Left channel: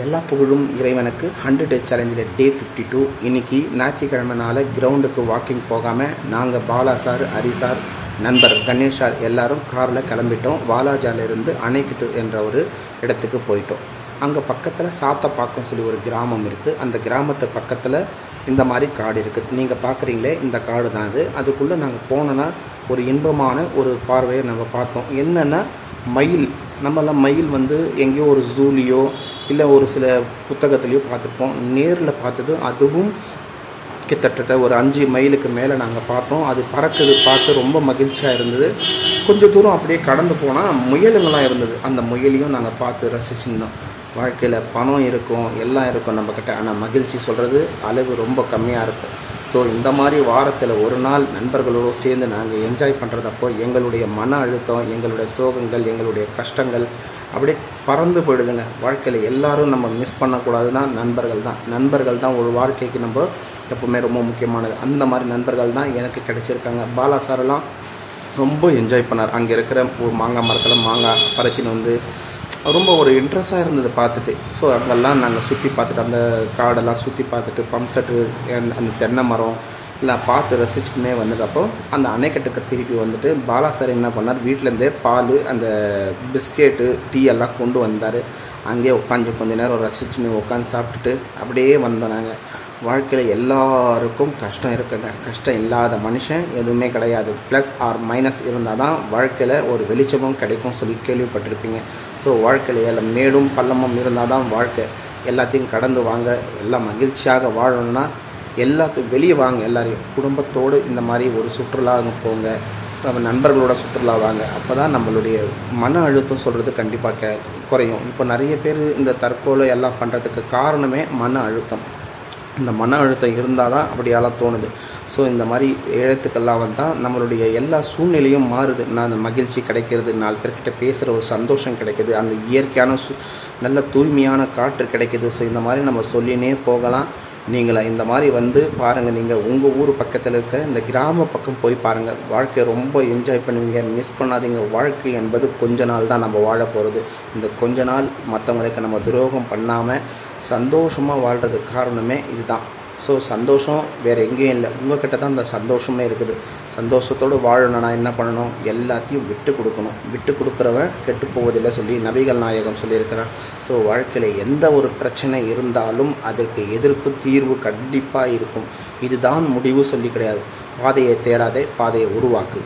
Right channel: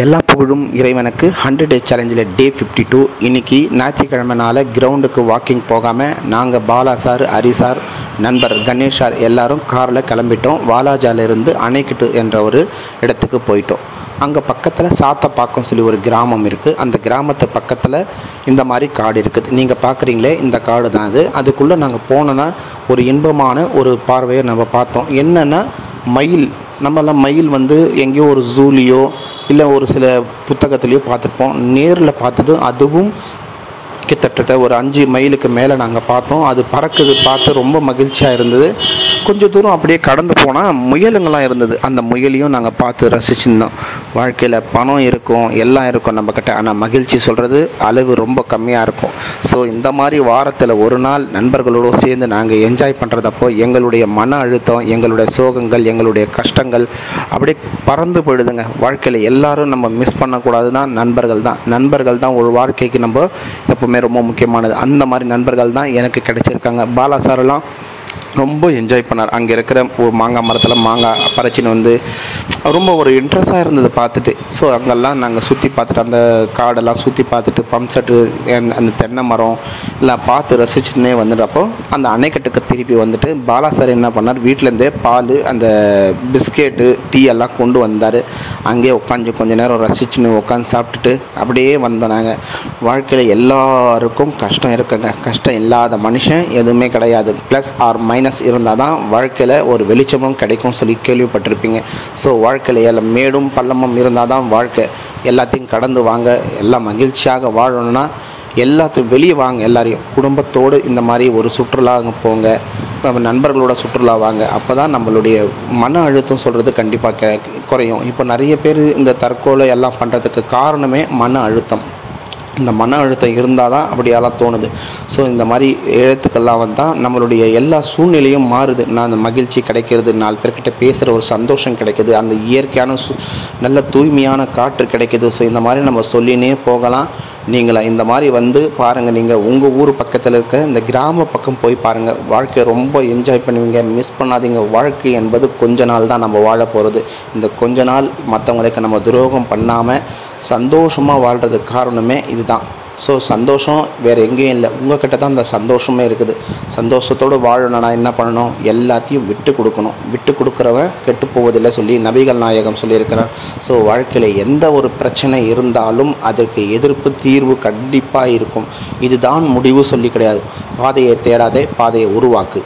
எல்லா புகழும் இறைவனுக்கு 100 டே சேலஞ்சில் டே 52. இன்றைக்கி ஞாயிற்றுக்கிழமைனால கிரவுண்டுக்கு வாக்கிங் போகாமல் நாங்கள் பாலா சார், ஹரி சார், நண்பர் கணேஷ் சார் எல்லோரும் காரில் கிளம்பிட்டோம். வாலாஜாலிருந்து அணைக்கட்டு என்ற ஒரு இடத்துக்கு போயிட்டோம். அங்கே பக்கத்தில் சாத்தப்பாக்கம் சொல்லி ஒரு கிராமம் இருக்குது. அந்த கிராமத்து பக்கத்தில் இந்த மாதிரி காடு இருக்குது. நீங்கள் பார்க்குறீங்களே, இந்த காடு தான் அது. அதுக்குள்ளே நாங்கள் போனோன்னா ஒரு இன்பமான ஒரு பார்வையை நம்ம பார்த்தோம். என்னென்னா மயில். நம்மளாம் மயில் எங்கேயோ ஒரு ஜூலியோ இல்லை ஒரு சில புத்தகத்துலேயோ பார்த்துருப்போம். நேரில் பார்த்தது அதுவும் கிட்டத்தட்ட ஒரு 5 மைலுக்கு மேலே நாங்கள் பார்த்தோம். அது பறக்குது பார்த்து ரொம்ப மகிழ்ச்சியாக இருந்தது. கொஞ்சம் தூரம் அப்படியே கடந்து போனால் முயலுங்களாம் இருந்தது. அந்த முயலையும் நாங்கள் பார்த்து ரசிச்சுருந்தோம். வாழ்க்கையில் பணம் இருக்கும், எல்லாம் இருக்கும் நம்மக்கிட்ட, ஆனால் மகிழ்ச்சி சொல்கிறது அளவு ரொம்ப கம்மியாக இருக்கும். ஸோ இந்த மாதிரி வாரத்தில் ஒரு நாள் நண்பர்களோடு சேர்ந்து நாங்கள் என்ஜாய் பண்ணுறதப்போ எங்களுடைய மன அழுத்தம், எங்களுடைய சோகங்கள், எங்களுடைய கஷ்டங்கள் அப்படியே பறந்து போயிடுதுங்க. வாழ்க்கையில் எல்லோரும் நம்ம மிஸ் பண்ணக்கூடாதுன்னா நண்பர்கள் தான் ஒரு வாழ்க்கைக்கு நம்ம எப்போவுமே ரொம்ப முக்கியமானது. அந்த மாதிரி நண்பர்கள் தான் எனக்கு கிடைச்சிருக்காங்க. பாலா சாரெல்லாம் ரொம்ப என்ஜாய் பண்ணார். அங்கே இருக்கிற ஒரு மாங்காய் மரத்தில் மாங்காய் பறிச்சின்னு ரொம்ப ஒரு இன்ட்ரெஸ்டாக இருந்தது பார்த்துட்டு. ஸோ அங்கெல்லாம் நாங்கள் சுற்றி பார்த்துட்டு, அந்த காடெல்லாம் சுற்றி பார்த்துட்டு, பம்ப் செட்டு, அந்த தென்னை மரம் எல்லாம் பார்த்து ரசிச்சுன்னே வந்துட்டப்போ அந்த அணைக்கட்டுக்கு திருப்பி பாலா சார் என்ன பண்ணார், வீட்டிலேருந்தே பால், அந்த பிஸ்கெட்டு, டீ எல்லாம் கொண்டு வந்தார். அங்கேயே உட்காந்து கொஞ்சம் நேரம் ரசிச்சுன்னு உட்காந்து சாப்பிட்டுட்டு அப்படியே வந்தோம். வாழ்க்கையில் எல்லாருக்கும் கஷ்டம் இருக்குங்க. கஷ்டம் இல்லாத மனுஷன் எதுவுமே கிடையாது. ப்ளஸ் ஆர் மைனஸ் இருந்தால் தான் வாழ்க்கையில் ஒரு வெளிச்சமும் கிடைக்கும் சொல்லி கேள்விப்பட்டிருப்பீங்க. ஸோ வாழ்க்கையில் மேடும் பள்ளமும் இருந்தால் தான் வாழ்க்கை. எல்லாத்தையும் கடந்து வாங்க. எல்லாம் மகிழ்ச்சியாக வாழணும்னா எல்லாத்தையும் வெளியே வாங்க. எல்லாரையும் குடும்பத்தோடு இந்த மாதிரி ஒரு சுற்றுலா போங்க, நண்பர்களோட சுற்றுலா வாங்க. அப்போ தான் நம்மளுடைய மன அழுத்தம் சொல்கிறது கண்டிப்பாக குறையும். இப்போ நிறைய பேர் இந்த தற்கொலை எல்லாம் பண்ணுறதுக்கு காரணமே மன அழுத்தம். இந்த மன அழுத்தம் இருந்தால் தான் அப்படியெல்லாம் தோணுது. ஸோ இந்த மாதிரி எழுத்துக்கள்லாம் வந்தால் நம்மளுடைய எல்லா சூழ்நிலையும் மாறுது. அந்த மகிழ்ச்சி கிடைக்கிறது, 4 பேர்கிட்ட பேசுகிற ஒரு சந்தோஷம் கிடைக்குது, அந்த இயற்கையான நல்ல தூய்மையான காற்று கிடைக்குது. ஸோ இந்த மாதிரி நம்ம சொல்லினே போகலாம். நீங்களாம் இந்த மாதிரி பாருங்கள். நீங்கள் உங்கள் ஊர் பக்கத்தில் இருக்க இந்த கிராம பக்கம் போய் பாருங்கள். வாழ்க்கையை ரொம்ப என்ஜாய் பண்ணுவீங்க. மிஸ் பண்ணாதீங்க. வாழ்க்கை என்பது கொஞ்ச நாள் தான் நம்ம வாழ போகிறது. இந்த கொஞ்ச நாள் மற்றவங்களுக்கு நம்ம துரோகம் பண்ணாமல் சந்தோஷமாக வாழ்கிறதுக்கு காரணமே இதுதான். ஸோ சந்தோஷம் வேறு எங்கேயும் இல்லை, உங்கள்கிட்ட தான் அந்த சந்தோஷமே இருக்குது. சந்தோஷத்தோடு வாழணும்னா என்ன பண்ணணும், எல்லாத்தையும் விட்டு கொடுக்கணும். விட்டு கொடுக்குறவன் கெட்டு போவதில்லை சொல்லி நபிகள் நாயகம் சொல்லியிருக்கிறார். ஸோ வாழ்க்கையில் எந்த ஒரு பிரச்சனை இருந்தாலும் அதற்கு எதிர்ப்பு தீர்வு கண்டிப்பாக இருக்கும். இதுதான் முடிவு சொல்லி கிடையாது. பாதையை தேடாதே, பாதையை உருவாக்கு.